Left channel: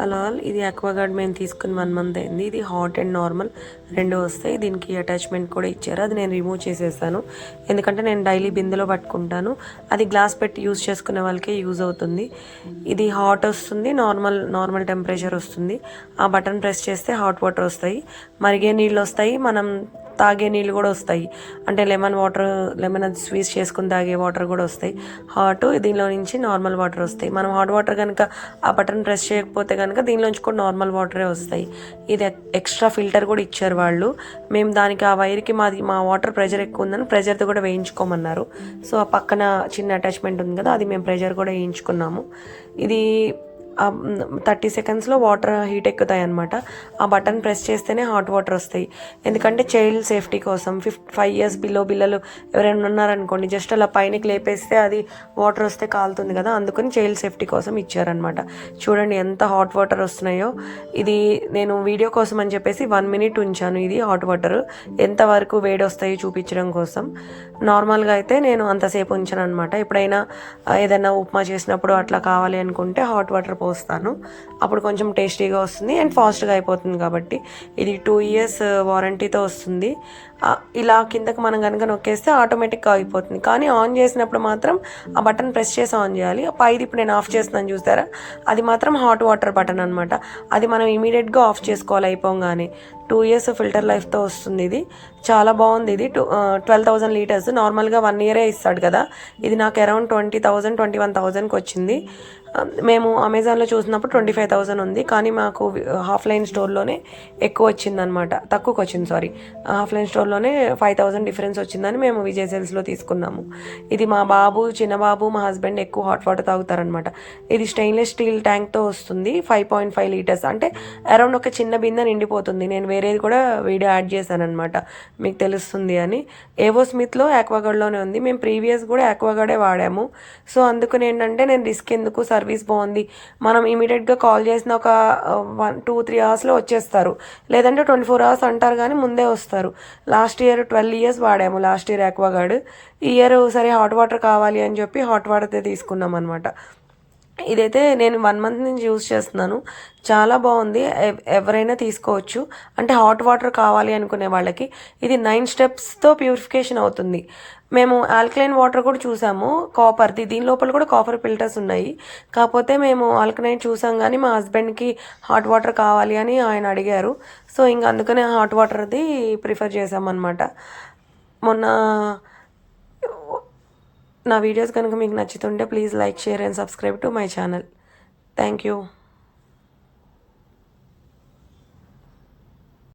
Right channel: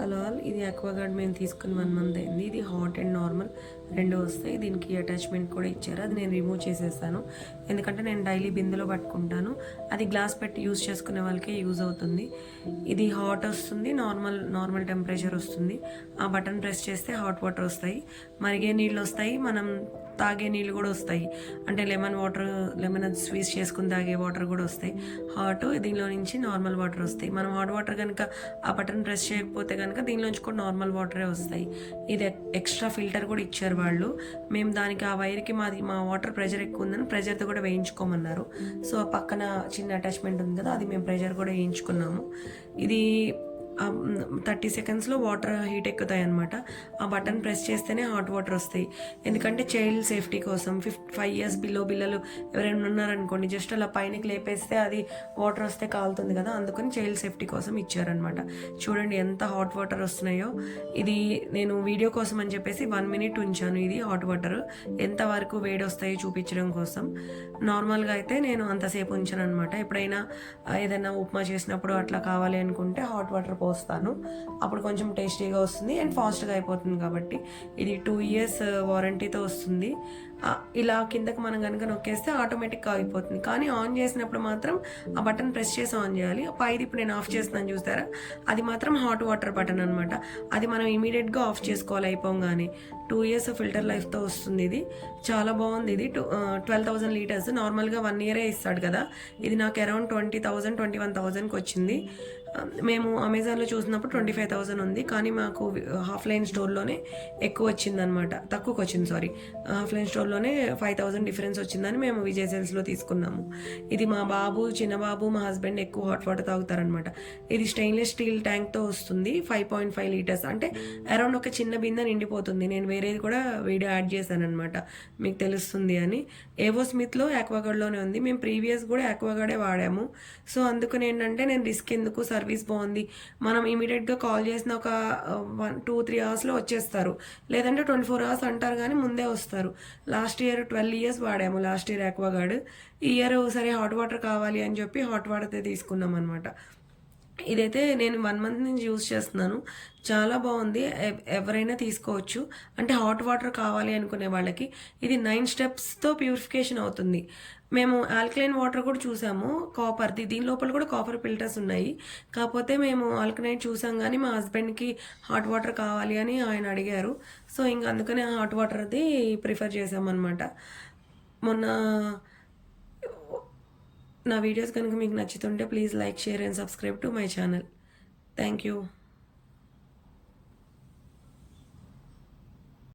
Hello all, ఇది అక్వాగార్డ్ మేము తీసుకుని 1 మంత్ అయింది. ఇది హాట్ అండ్ నార్మల్ రెండు వస్తాయి. దీనికి అటాచ్మెంట్ కూడా ఇచ్చారు, అది నేను రిమూవ్ చేసేసాను. ఎందుకంటే నేను డైలీ బిందెలో పట్టుకుంటాను, అది గ్లాస్ పెట్టి యూజ్ చేసుకునే వాళ్ళకే యూజ్ అవుతుంది. ఇది హాట్ వస్తుంది, నార్మల్ టెంపరేచర్ వస్తుంది. ఆ బటన్ ప్రెస్ చేస్తే హాట్ వాటర్ వస్తాయి, మరిగే నీళ్ళు వస్తాయి, మనం తాగే నీళ్ళు కూడా వస్తాయి. అంటే లెమన్ అది స్వీజ్ చేసుకుని తాగే వాటర్ కూడా వస్తాయి. హాట్ దీనిలో నుంచి నార్మల్ వాటర్ వస్తాయి. మనం హాట్ వాటర్ కనుక ఆ బటన్ ప్రెస్ చేయకపోతే కనుక దీనిలోంచి కూడా నార్మల్ వాటరే వస్తాయి. ఇది ఎక్స్ట్రా ఫిల్టర్ కూడా ఇచ్చారు వాళ్ళు. మేము దానికి ఆ వైర్కి మా వాటర్ ప్రెషర్ ఎక్కువ ఉందని ప్రెషర్తో కూడా వేయించుకోమన్నారు. సో ఆ పక్కన చిన్న అటాచ్మెంట్ ఉంది కదా, అది మేము ప్రెషర్ కూడా వేయించుకున్నాము. ఇది 30 సెకండ్స్లో వాటర్ హీట్ ఎక్కుతాయి అనమాట. ఆ బటన్ ప్రెస్ చేస్తేనే హాట్ వాటర్ వస్తాయి. ఎందుకంటే చైల్డ్ సేఫ్టీ కోసం 5 years బిలో పిల్లలు ఎవరైనా ఉన్నారనుకోండి, జస్ట్ అలా పైనకి లేపేస్తే అది వాటర్ వస్తే కాలుతుంది కదా, అందుకని చైల్డ్ సేఫ్టీ కోసం ఇచ్చారనమాట. చూడండి ఎంత హాట్ వాటర్ వస్తున్నాయో. ఇది నేను వీడియో కోసం అని చెప్పేసి 1 minute ఉంచాను. ఇది హాట్ వాటర్ ఎంతవరకు వేడి వస్తాయో చూపించడం కోసం. నార్మల్గా అయితే నేను అంతసేపు ఉంచాను అనమాట. ఎప్పుడైనా ఏదైనా ఉప్మా చేసినప్పుడు అట్లా కావాలి అనుకుంటే హాట్ వాటర్ పోస్తాను, అప్పుడు కొంచెం టేస్టీగా వస్తుంది అండ్ ఫాస్ట్గా అయిపోతుంది. కాబట్టి ఇది 2 years వారంటీతో వస్తుంది. ఇలా కిందకి మనం కనుక నొక్కేస్తే ఆటోమేటిక్గా అయిపోతుంది. కానీ ఆన్ చేసినప్పుడు మాత్రం ఆ బటన్ ప్రెస్ చేసి ఆన్ చేయాలి. పైది ఇప్పుడు నేను ఆఫ్ చేస్తున్నాను చూసారా, అది మాత్రం హాట్ వాటర్ బటన్ అనమాట. అది మనం ఇమీడియట్గా ఆఫ్ చేసుకోవాలి అయిపోగానే. 2 years ఫిల్టర్ లైఫ్తో వస్తుంది. ఇది చాలా బాగుంది. ఇది 12,000 liters. నార్మల్గా 1 year ఇస్తాడు కదా, ఇది నాకు అరౌండ్ 20,000 21,000కి వచ్చింది. మేము అమెజాన్లో చూసినప్పుడు 25,000 ఉంది, కానీ మాకు ఆఫ్లైన్ స్టోర్లోనే ఎక్కువ వచ్చిందనమాట, తక్కువకి వచ్చింది. ఆఫ్లైన్ స్టోర్లోనే 5,000 డిఫరెన్స్ వచ్చిందని మేము విజయ్ సేల్స్లో తీసుకున్నాము. ఇది మా చిన్న బాబు, మా హస్బెండ్ ఎక్కువ హాట్ వాటర్ తాగుతారనమాట. ఇది స్టెయిన్లెస్ స్టీల్ ట్యాంక్తో వస్తుంది. 5.5 liters, అంటే అరౌండ్ ఒక చిన్న బిందె నిండిపోతుంది. నేను వేరేది కూడా వీడియో యాడ్ చేశాను అనమాట, మీకు తెలుస్తుంది అని. ఏవో స్మిత్లో యాక్వాగార్డ్లోనే ఉంది. మేము ప్రీవియస్ కూడా యాక్వాగార్డే వాడాము. సో అందుకని ఏంటంటే నేను రిస్క్ ఎందుకు, సర్వీస్ బాగుంది. మనం ఇమీడియట్గా కాల్ చేసిన ఒక 1-2-3 అవర్స్లో వచ్చేస్తారు, లేదంటే 24 hours అంటారు కానీ ముందే వస్తారు. లాస్ట్ ఇయర్ 12 years వాడాము, లాస్ట్ ఇయర్ యాక్వాగార్డ్. ఈ ఇయర్ సరే హాట్ వాటర్ కావాలి అని చెప్పి హాట్ వాటర్తో తీసుకున్నాం అనమాట. ఇదైతే నేను 1 month నుంచి యూజ్ చేస్తున్నాను, చాలా బాగుంది. ఎవరైనా తీసుకోవచ్చు, అంటే హాట్ వాటర్ కావాలి అనుకునే వాళ్ళకి. ఇది 9 స్టెప్స్తో ప్యూరిఫికేషన్ అవుతుంది. మేము ఆల్కలైన్ వాటర్ కూడా చూసాము, కాపర్ది. దీని లోపల కూడా కాపర్ ఫిల్టర్స్ ఉన్నాయి. కాకపోతే మేము ఆల్కలైన్ చూసాం, కానీ మా హస్బెండ్కి హాట్ వాటర్ కావాలి అని ఆయన అడిగారు. సో ఇంకా అందుకనే హాట్ వాటర్ది ప్రిఫర్ చేసామన్నమాట. మొన్న నా వీడియోస్ కనుక మీకు నచ్చుతుంటే please like, share and subscribe to my channel. Thank you.